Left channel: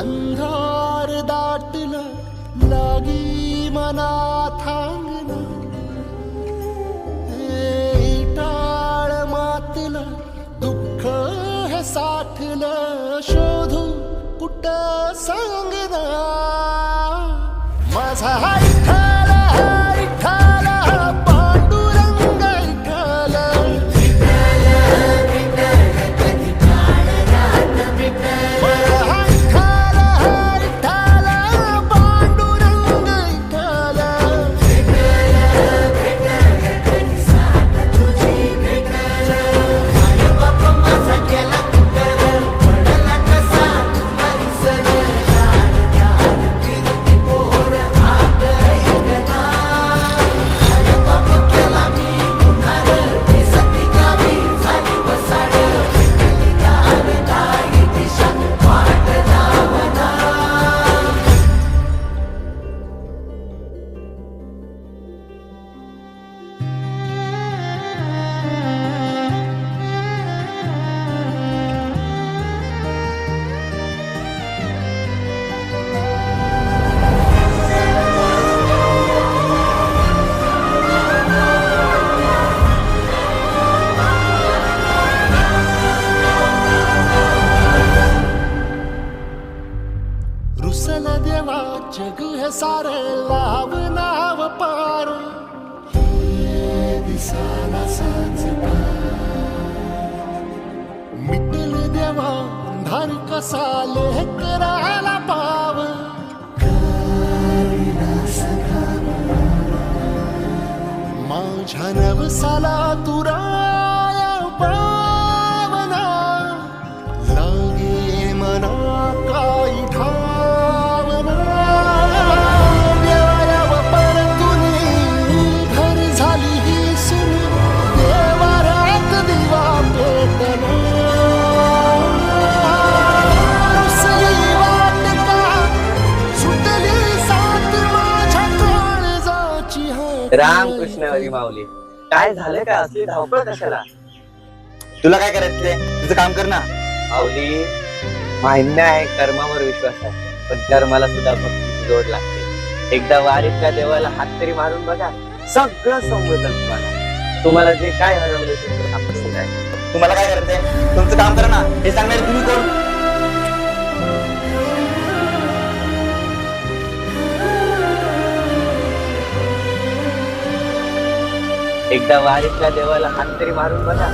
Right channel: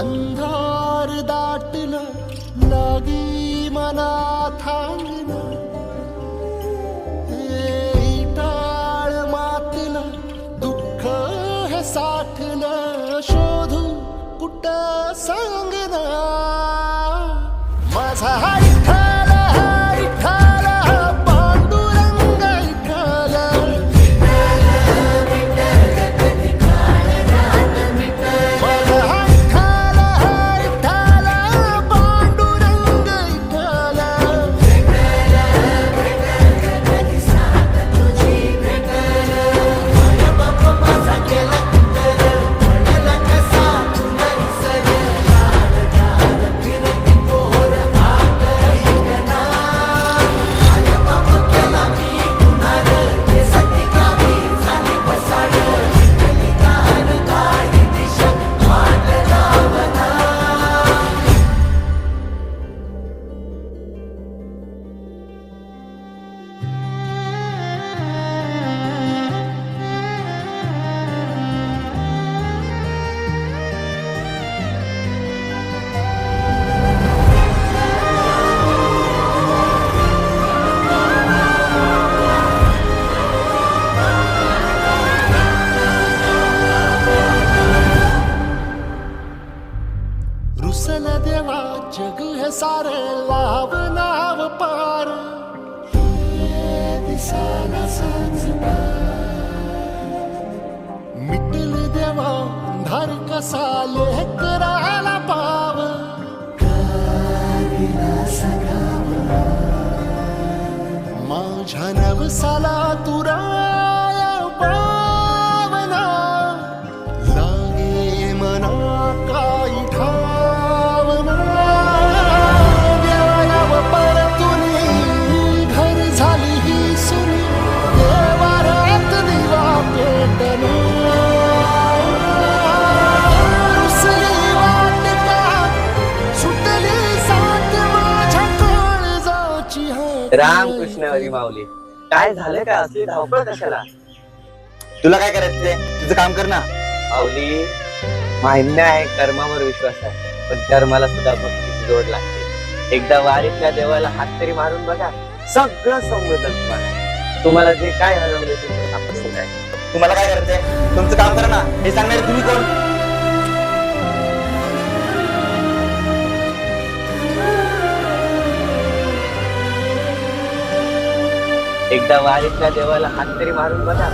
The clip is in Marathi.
अंधार दाटलं लागी मना थांगना टाळ मातलं दुःख हे साठलं शोधू कुठ सांगना माझा विठ्ठल विठ्ठल पांडुरंग विठ्ठल रुसल देवा जग हे सारे लाव नाव पार दिसाला साच मिटल देवा अंधार कसा लेकराला पाव माझ्या नवसाला तुराया पावना लागे मना काही ठावना देवाला परतुनी घर झाली ही सुनी देवारात दिवा पेटना रुसली वाटिका सुटली साथ माझ्या काळजाची रामकृष्ण हरी माऊली. काय झालं का असली धावपळ कशाला? तुला काय करायचंय तुझं काम कर ना. माऊली मान्य आहे कर्मावर विश्वास आहे पण कर्माला सुद्धा भक्तीची जोड लागते. एकदा वारीतल्या देवाला हात तरी मारून बघा सगळं समजल तुम्हाला जे काय हरवले तुमचं सापडलं आहे. तुम्हाला काय करायचंय तुमचं काम करा ना. हे सांगणारे तुम्ही कोण? एकदा वारीतल्या देवाला हात तरी मारून बघा